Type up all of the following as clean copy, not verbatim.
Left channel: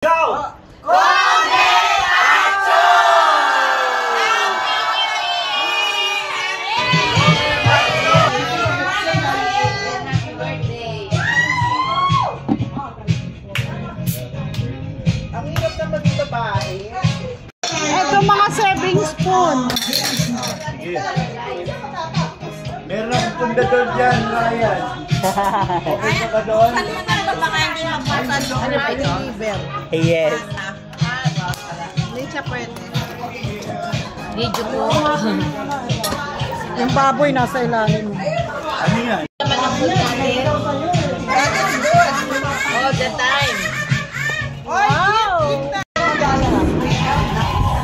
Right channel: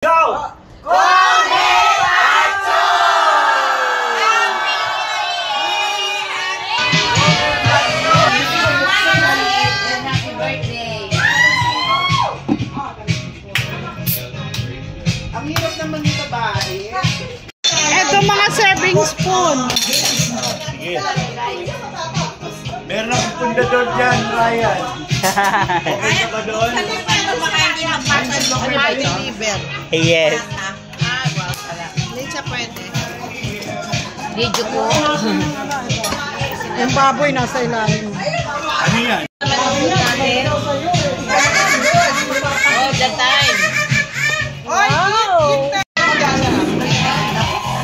Go! Ito mga serving spoon. Sige. Meron akong pundador dyan, Ryan. Okay ka ba doon? Baka hindi magpapasok na deliver. Yes. Hindi siya pwede. Video ko. Yung baboy nasa ilalim. Ano yan? All the time. Oy, eat na!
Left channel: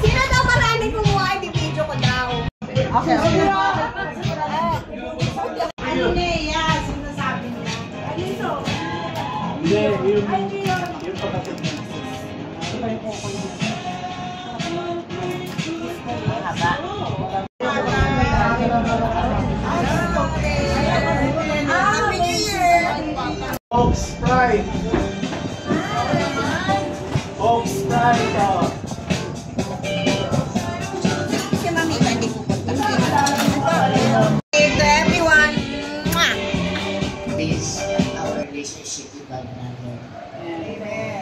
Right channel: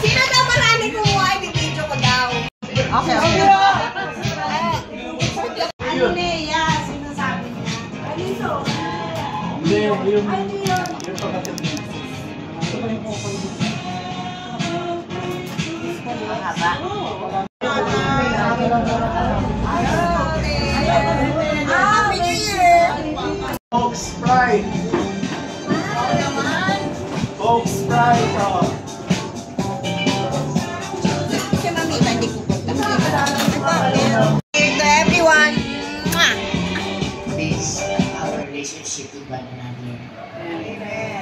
Sino daw maraming kumuha? I-video ko daw. Okay. Ano na yan? Sinasabi niya. Ano ito? Hindi, yung pagkatid. Happy New Year! Coke Sprite. Coke Sprite, oh. Si Mami, hindi ko to everyone. This our relationship with one another.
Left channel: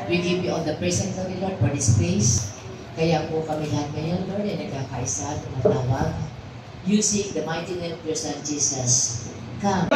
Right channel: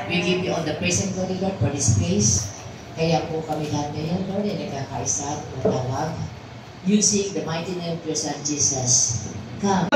We give you all the praise and glory, Lord, for this place. Kaya po kami lahat ngayon, Lord, ay nagkakaisa, tumatawag. Using the mighty name of your Son, Jesus. Come.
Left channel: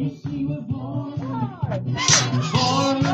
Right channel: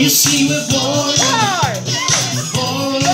You see we're born, born,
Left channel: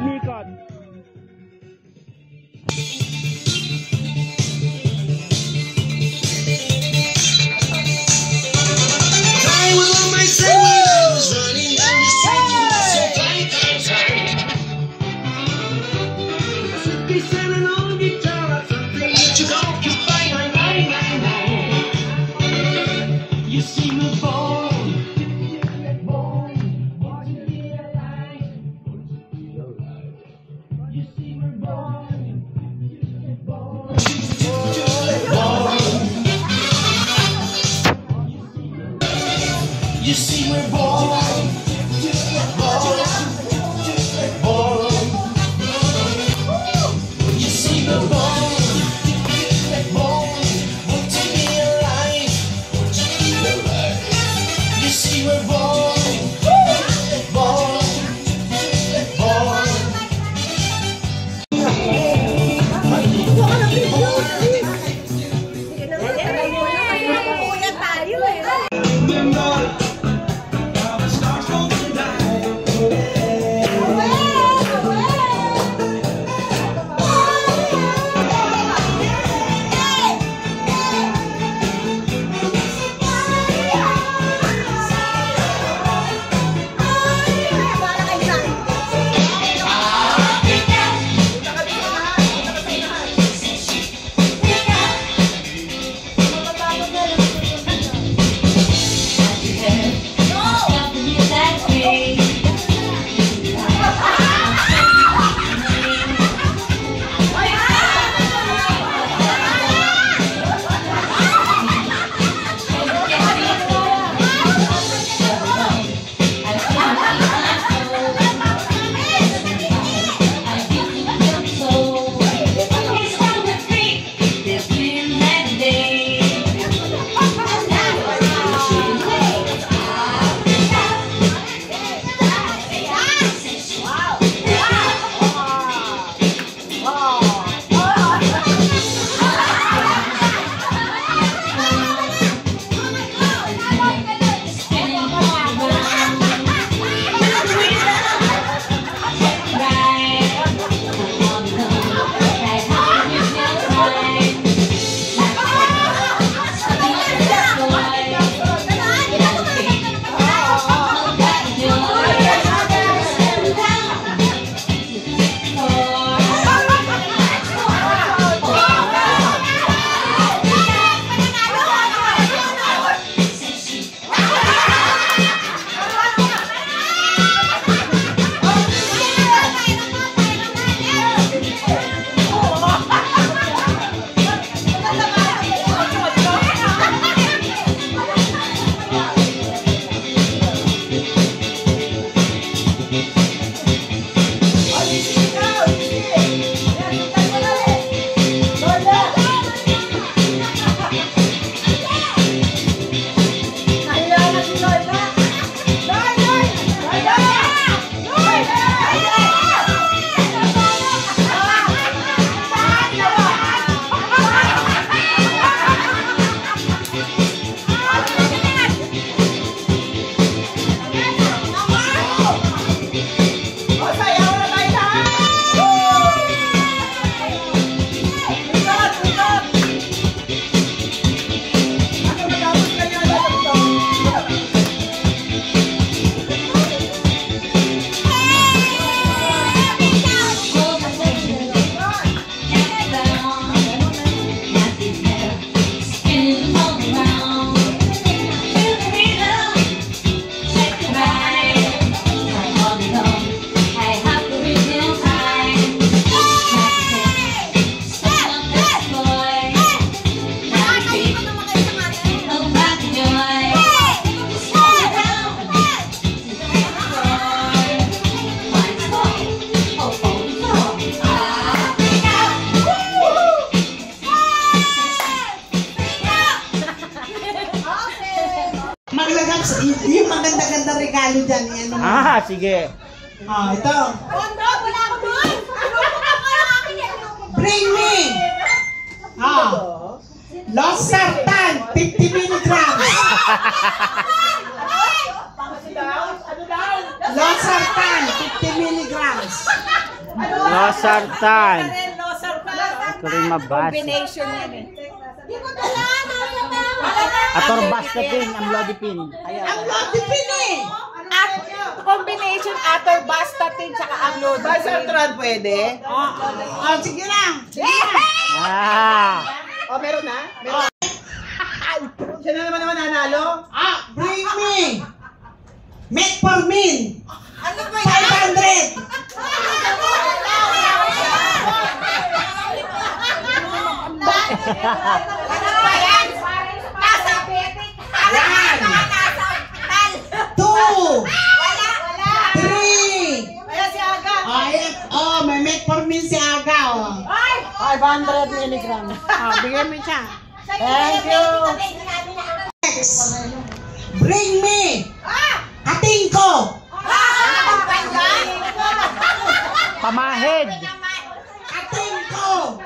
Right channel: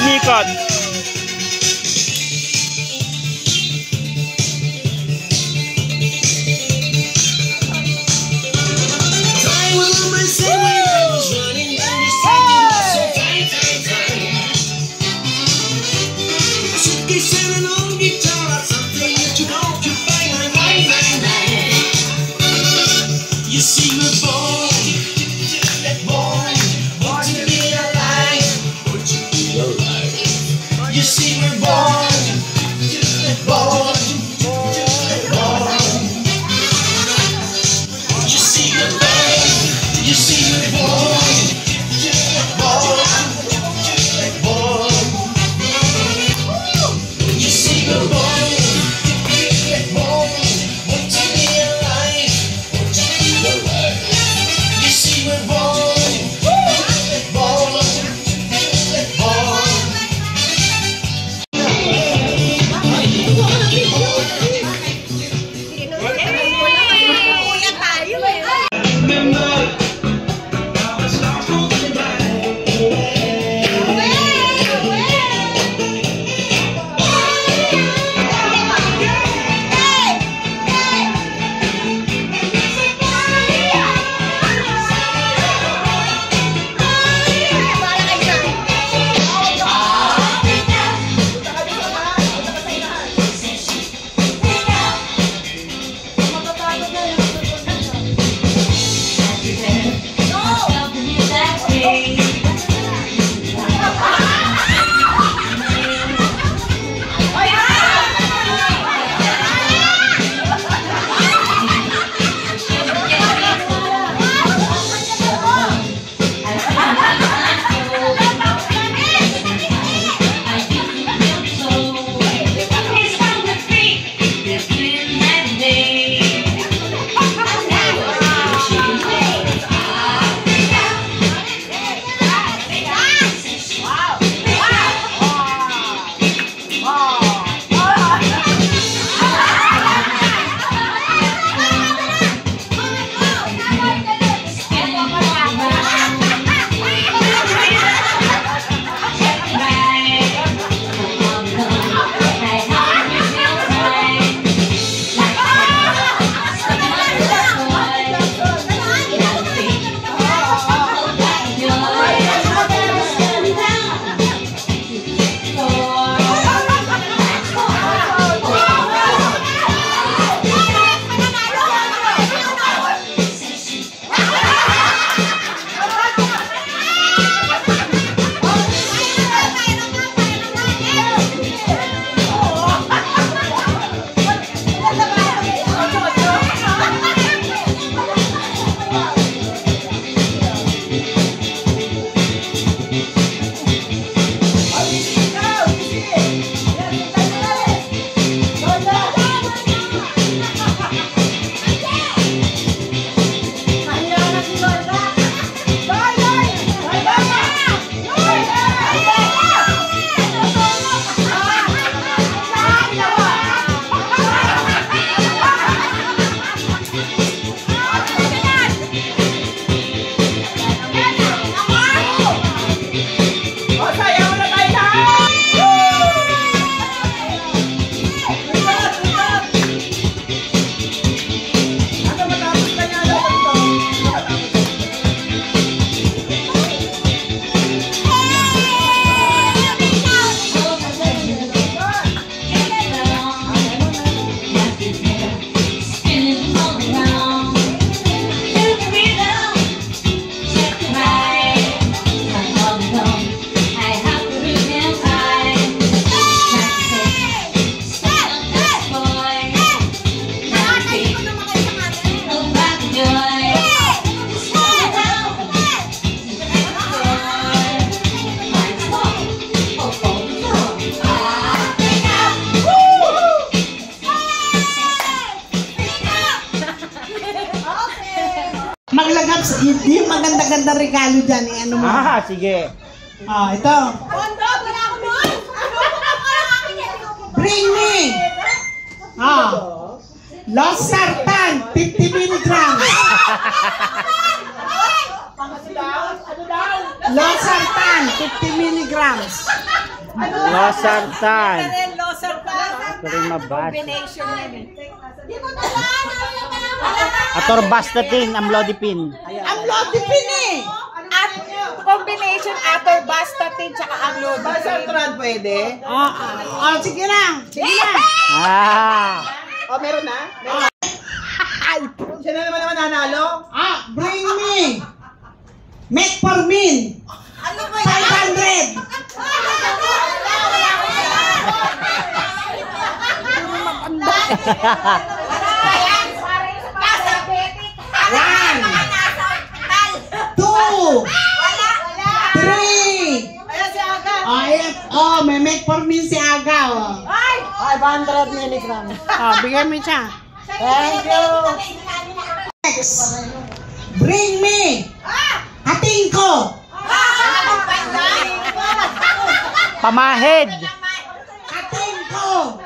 Umikot. mananalo dyan, ano mo? Sige. Ito. Bring me! Losartan, 50 milligrams. Losartan, 50 milligrams. Losartan. Ito rin mabasa. Atorvastatin, amlodipine. Amlodipine eh! Combination atorvastatin tsaka amlodipine. Losartan pwede? Sige lang. Sige lang. Meron na? Siya na naman nanalo? Bring me! Metformin! Ano ba 500! Nasa betik. Nasa ospital. 2! Wala. 3! Ayan si Aga. May metformin si Aga, 500 milligrams. Bigyan mo siya. Thank you. Next! Bring me! Ating ko! Pamahid. Ating ko!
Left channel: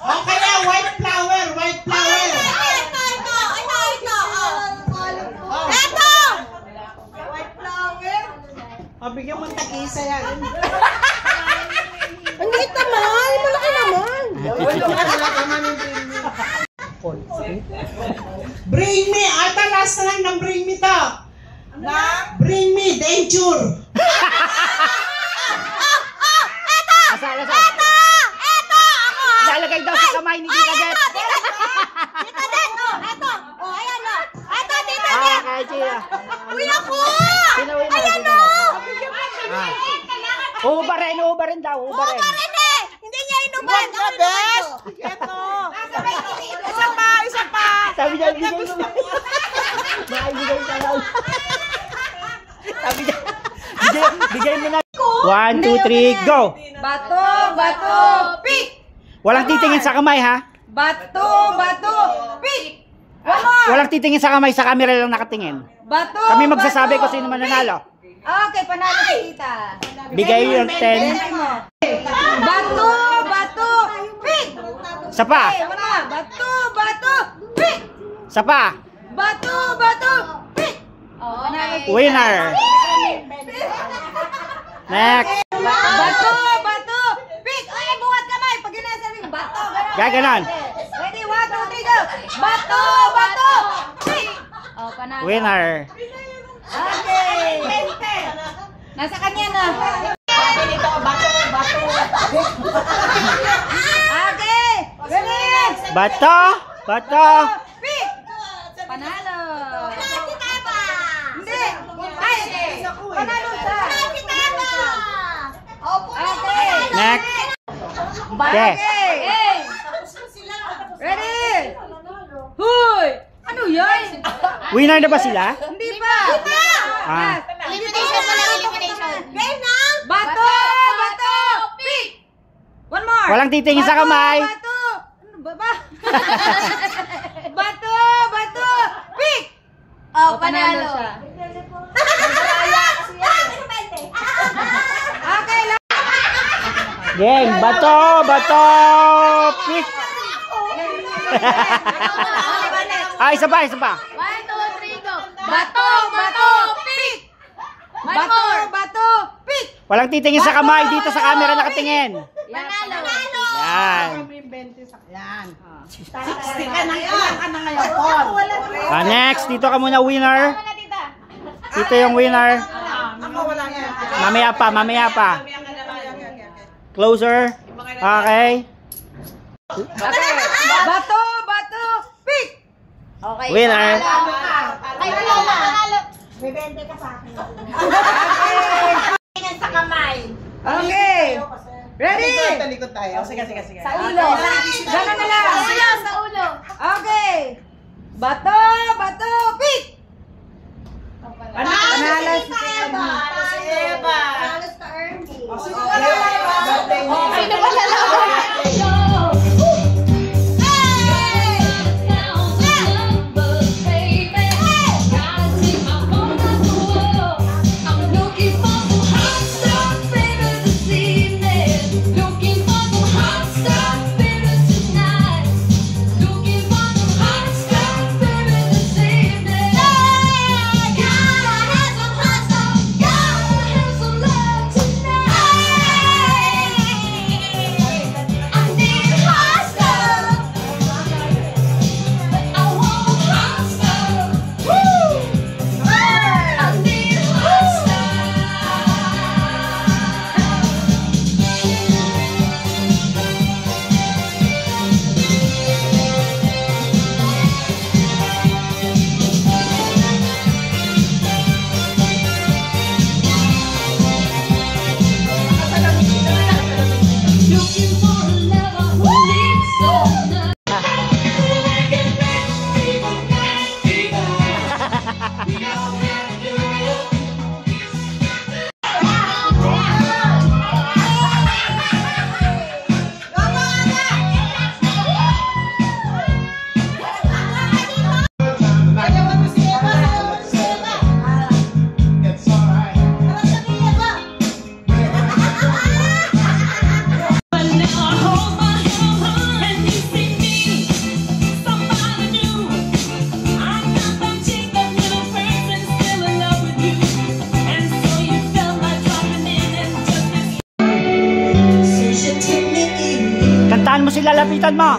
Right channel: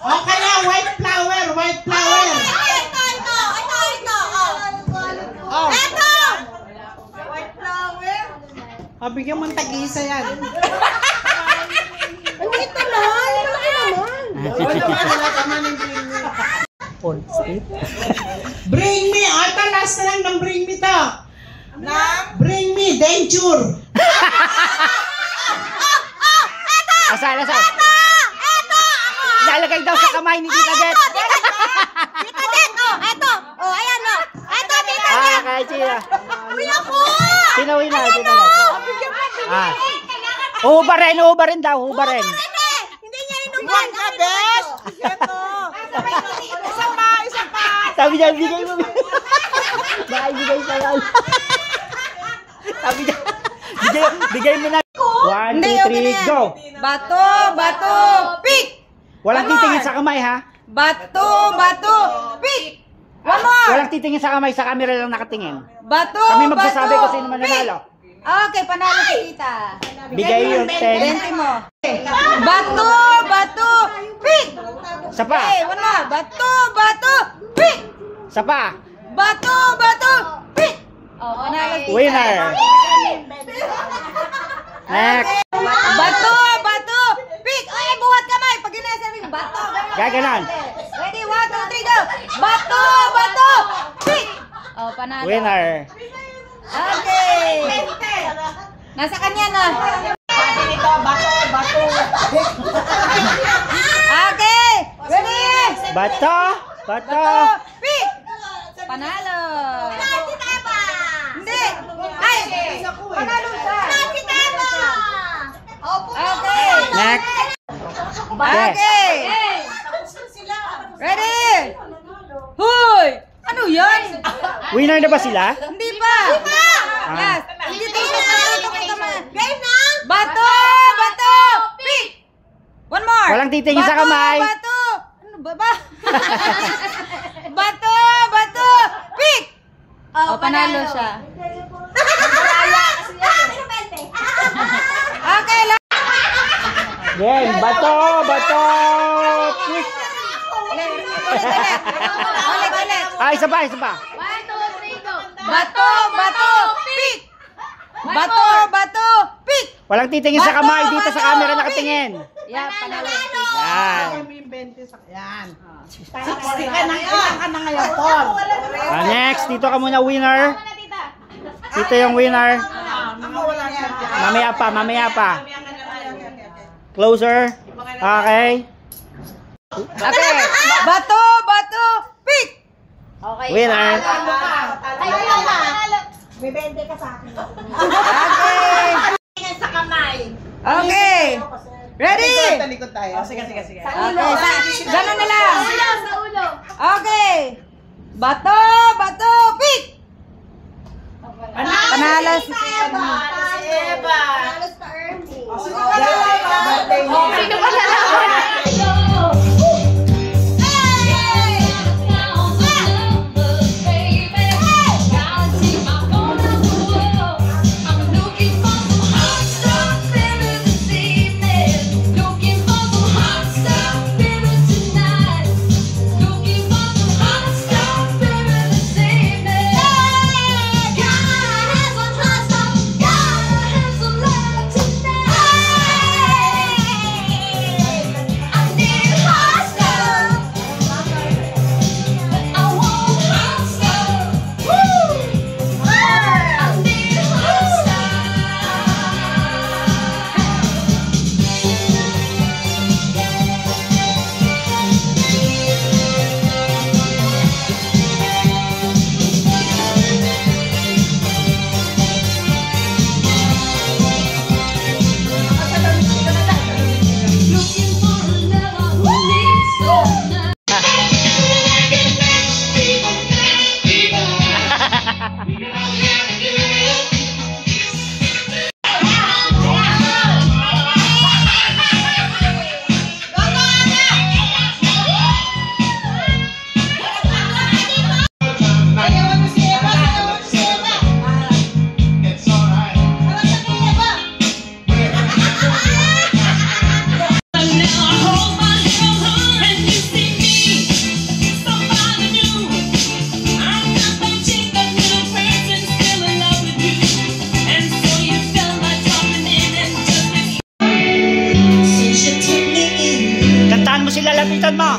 Okay na, white flower! White flower! Bigyan mo ng tag-isa yan. Bring me! Ito, last na lang ng bring me to. Bring me, danger! Asal. Ilalagay daw sa kamay ni Tita Det. Tita Det, eto. Ayan, eto, Tita Det. Kahit sila. Sino win na? Uhubarin daw. Hindi niya inuman. Ka, bes. Eto. Isa pa. Sabi niya, bigay mo. Naibigay siya lang. Sabi niya, bigay mo na. 1, 2, 3, go! Bato, pick. Walang titingin sa kamay, ha? Bato, pick. Walang titingin sa kamay, sa camera lang nakatingin. Bato, Kami magsasabi kung sino mananalo. Okay, panalo si Tita. Bigay yung 10. Bato, pick. Sa pa. Bato, pick. Sa pa. Bato, pick. Winner. Next. Bato, pick. Ay, buhat kamay. Pag ginasabing bato. Gaganon. Ready, 1, 2, 3, go. Bato, pick. Panalo. Winner. Okay. Nasa kanya na. Okay. Ready? Bato. Pick. Panalo. Si Taba. Hindi. Ay. Panalo siya. Si Taba. Okay. Next. Okay. Ready? Huy. Ano yan? Winner na ba sila? Hindi pa. Yes. Game na. Bato. Pick. One more. Walang titingin sa kamay. Bato. Ano ba? Bato. Pick. Panalo siya. Okay lang. Game. Bato. Pick. Isa pa. 1, 2, 3, go. Bato, pick. Bato, pick. Walang titingin sa kamay, dito sa camera nakatingin. Panalo. Yan. Yan. 60 ka na ngayon, Next, dito ka muna winner. Dito yung winner. Mamaya pa. Closer. Okay. Bato, pick. Winner. May 20 ka sa akin. Okay. Sa kamay. Okay. Ready? Talikod tayo. Sige. Sa ulo. Gano'n na lang. Sa ulo. Okay. Bato, pick. Panalo si Eva. Panalo si Ernie. Sino pa mo sila, lapitan mo.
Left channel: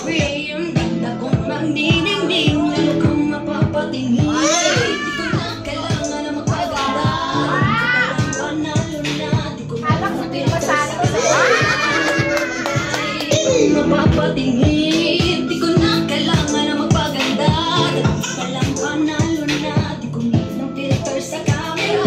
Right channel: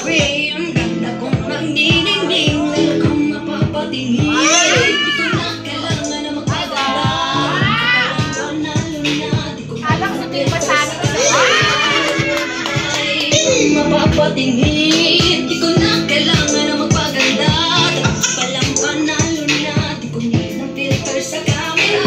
scream. Ganda kong magniningning, lalo kang mapapatingin. Di ko na kailangan na magpagala. Panalo na, di ko na makita sa mapapatingin. Di ko na kailangan na magpaganda. Palang panalo na, di ko na filter sa camera.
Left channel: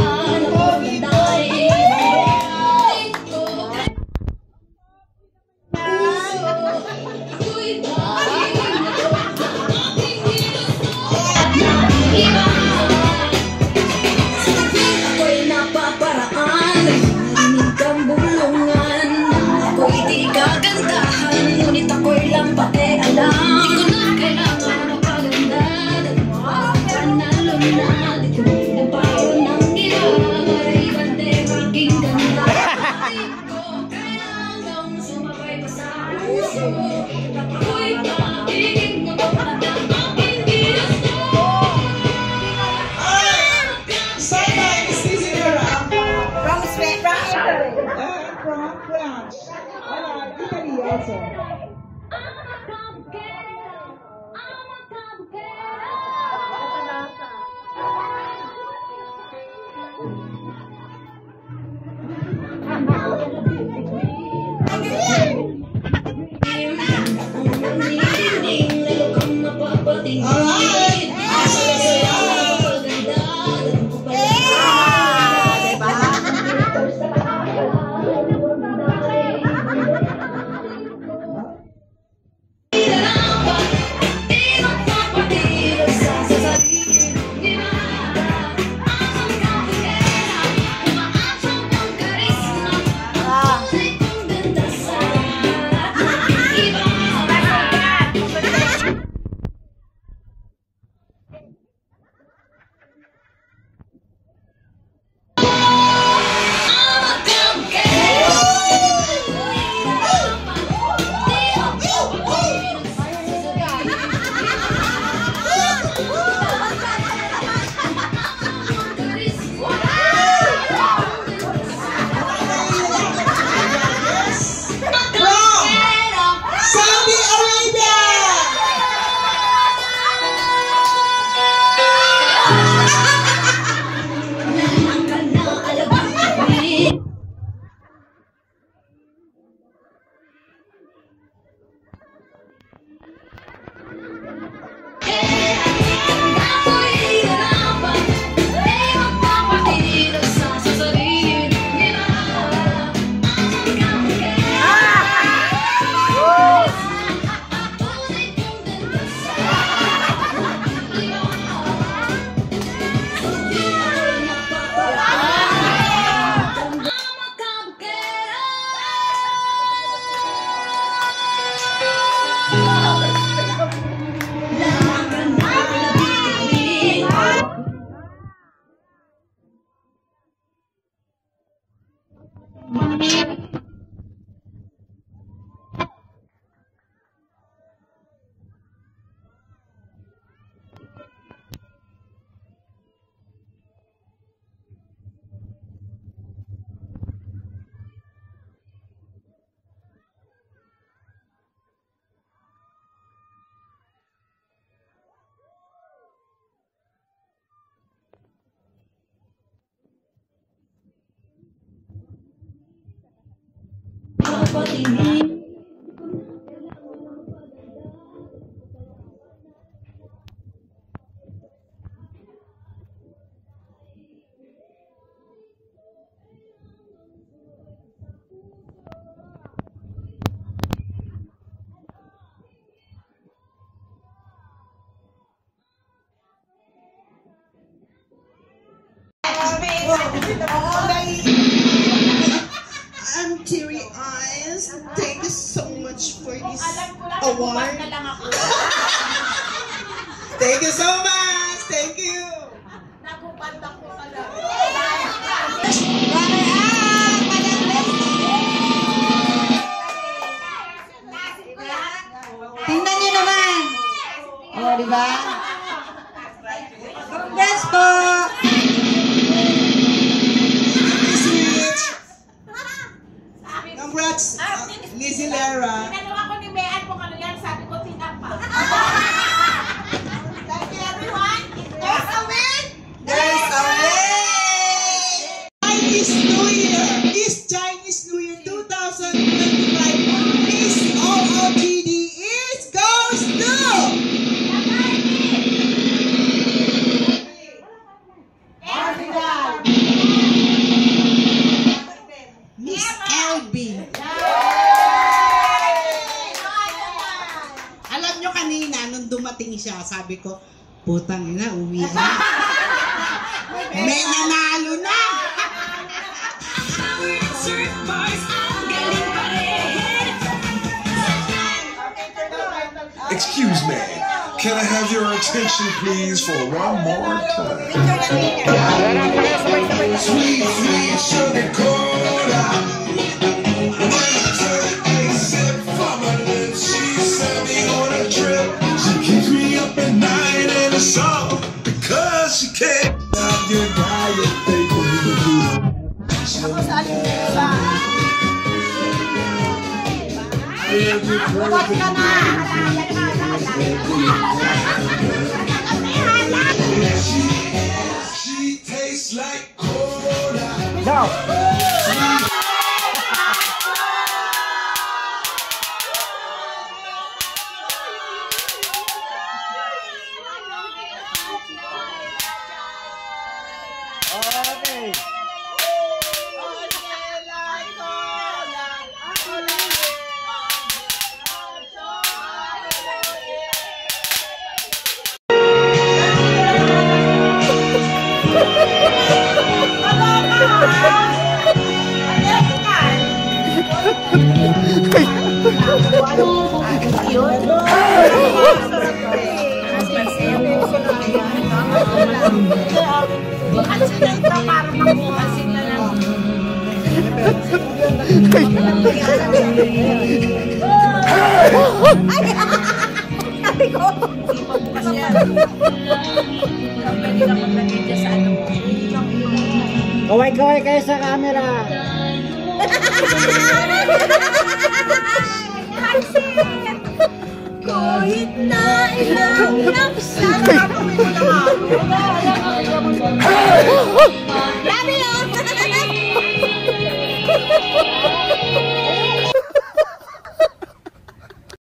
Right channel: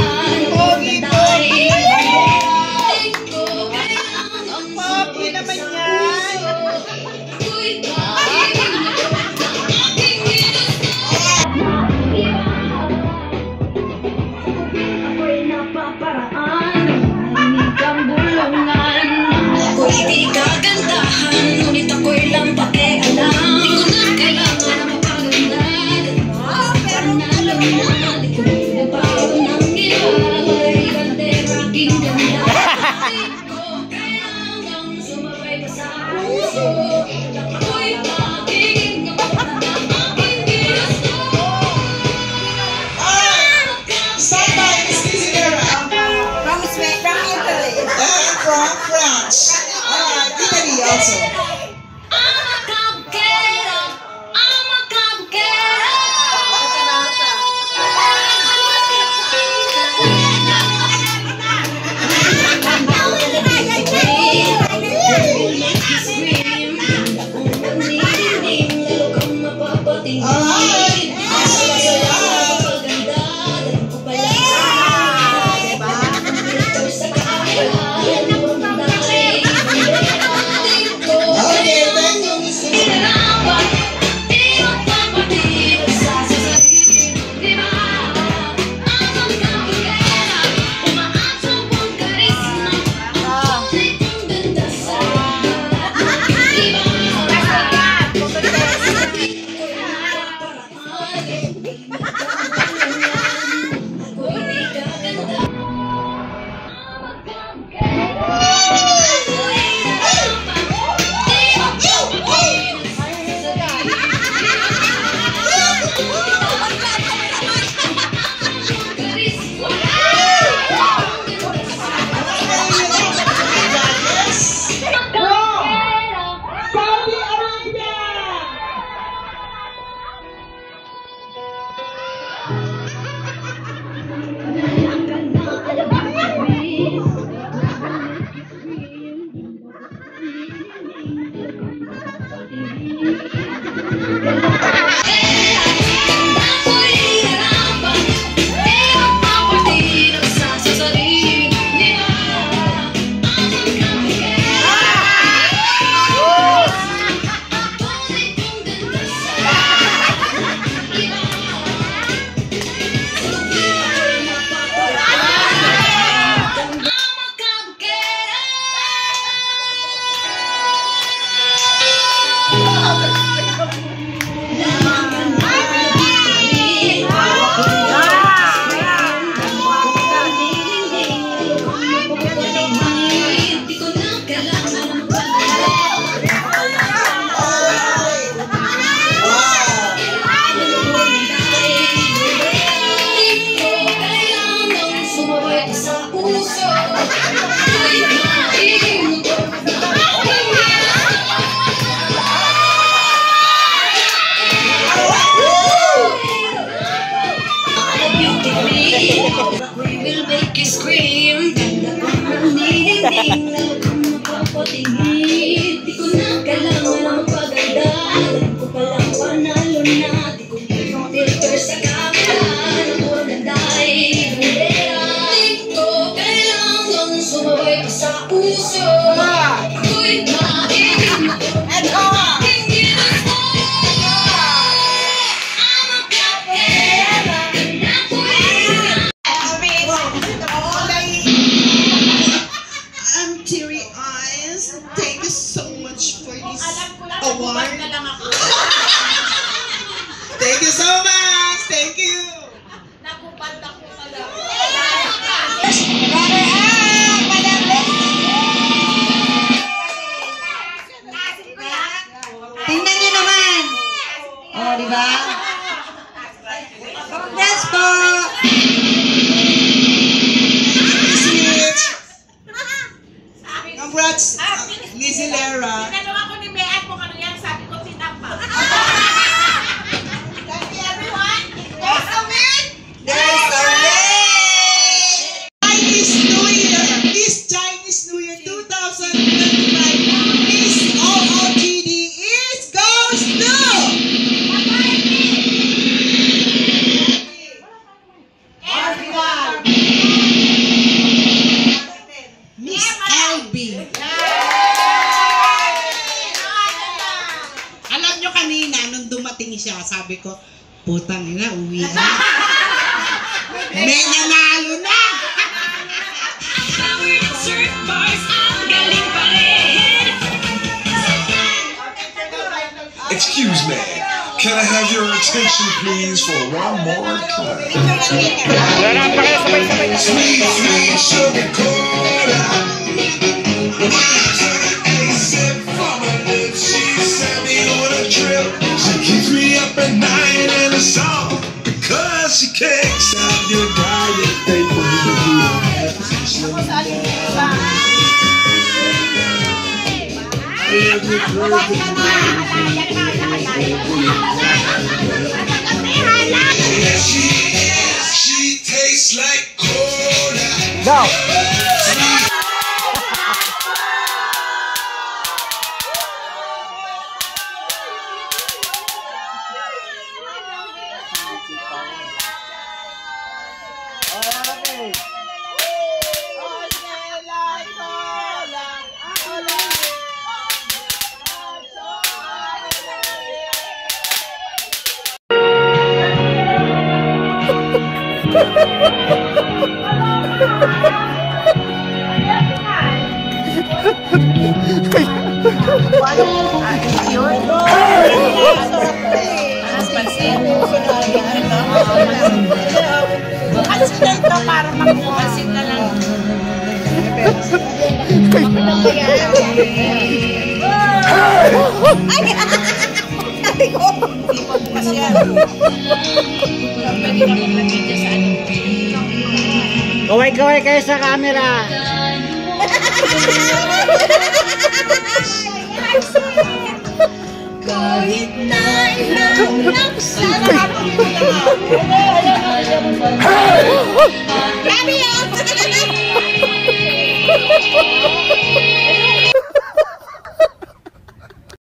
Ngunit ako'y lang pakialam. Di ko na kailangan na mapaganda. Panalo na, di ko na payo ng gilay. Gandeng aking ganda. Di ko kailangang sumabay pa sa puso. Ako'y pag-ibig na maganda ng aking ginusto. From Italy. From France. Italy also. Di ko na kailangan na magpaganda. Alam ko palang panalo na. Di ko na filter sa camera. Nagmaganda ay bandera. Di ko kailangan sumabay pa sa puso. Ako'y maibig mo at aking ginusto. I'm a kapera. I'm teary eyes. Thank you so much for this award. Thank you so much. Thank you. Tingnan niyo naman. Oh, di ba? Congrats po. Congrats, Lizzie Lara. Tinanong ako ni Mayan kung ano yan, sabi ko goes to Miss Elby. Alam nyo kanina, nung dumating siya, sabi ko, putang ina, uwi na. May nanalo na! Excuse me, can I have your attention please for one more time? Sweet, sweet sugar cola. From her lips, she sent me on a trip. She keeps me up at night in a song because she can't stop your diet. They believe you. She tastes like cola. Okay. Kaway-kaway kayo sa camera. Kahit na ilang laksa